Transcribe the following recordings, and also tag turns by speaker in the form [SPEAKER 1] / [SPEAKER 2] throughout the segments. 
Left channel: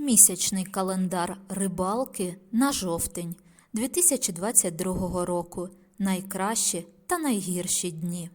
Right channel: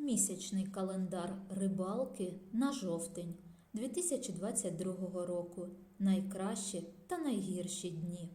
[SPEAKER 1] Місячний календар рибалки на жовтень 2022 року. Найкращі та найгірші дні.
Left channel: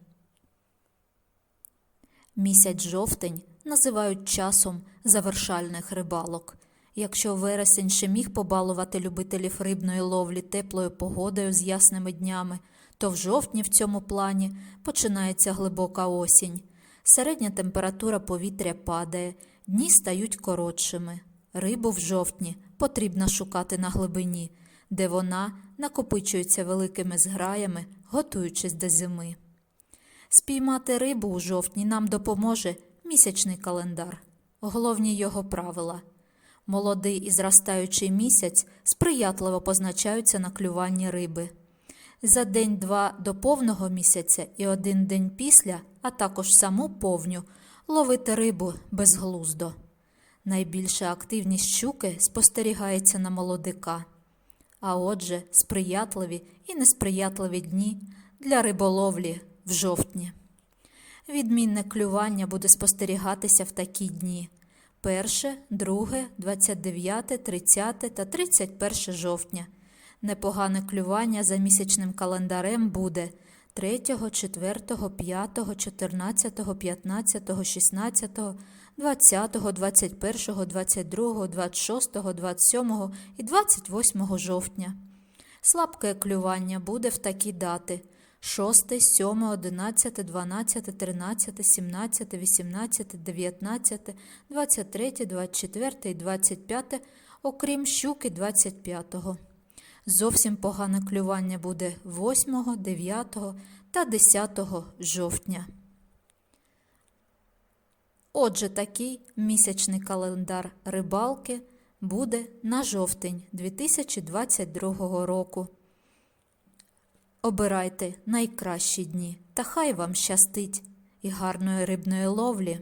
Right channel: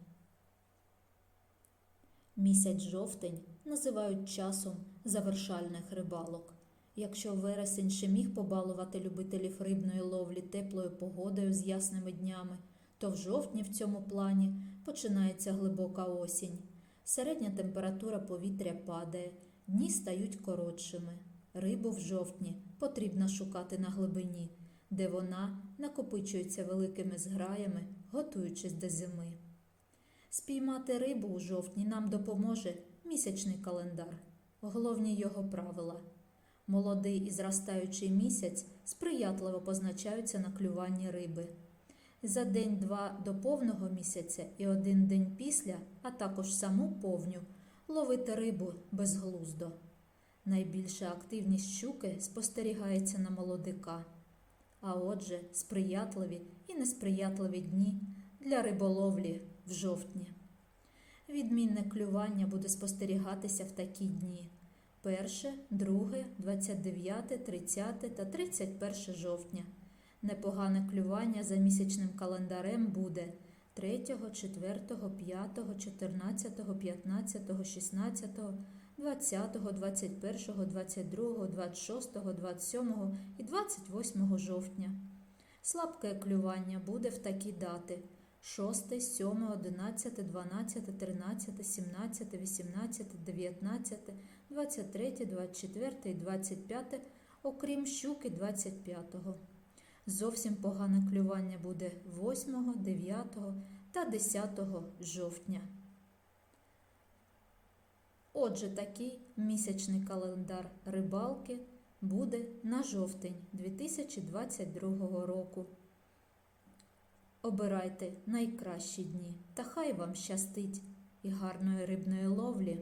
[SPEAKER 1] Місяць жовтень називають часом завершальних рибалок. Якщо вересень ще міг побалувати любителів рибної ловлі теплою погодою з ясними днями, то в жовтні в цьому плані починається глибока осінь. Середня температура повітря падає, дні стають коротшими. Рибу в жовтні потрібно шукати на глибині, де вона накопичується великими зграями, готуючись до зими. Спіймати рибу у жовтні нам допоможе місячний календар. Головні його правила. Молодий і зростаючий місяць сприятливо позначаються на клюванні риби. За день-два до повного місяця і один день після, а також саму повню, ловити рибу безглуздо. Найбільша активність щуки спостерігається на молодика. А отже, сприятливі і несприятливі дні для риболовлі в жовтні. Відмінне клювання буде спостерігатися в такі дні: 1, 2, 29, 30 та 31 жовтня. Непогане клювання за місячним календарем буде 3, 4, 5, 14, 15, 16, 20, 21, 22, 26, 27 і 28 жовтня. Слабке клювання буде в такі дати 6, 7, 11, 12, 13, 17, 18, 19, 23, 24 і 25, окрім щуки 25-го. Зовсім погане клювання буде 8, 9 та 10 жовтня. Отже, такий місячний календар рибалки буде на жовтень 2022 року. Обирайте найкращі дні та хай вам щастить і гарної рибної ловлі!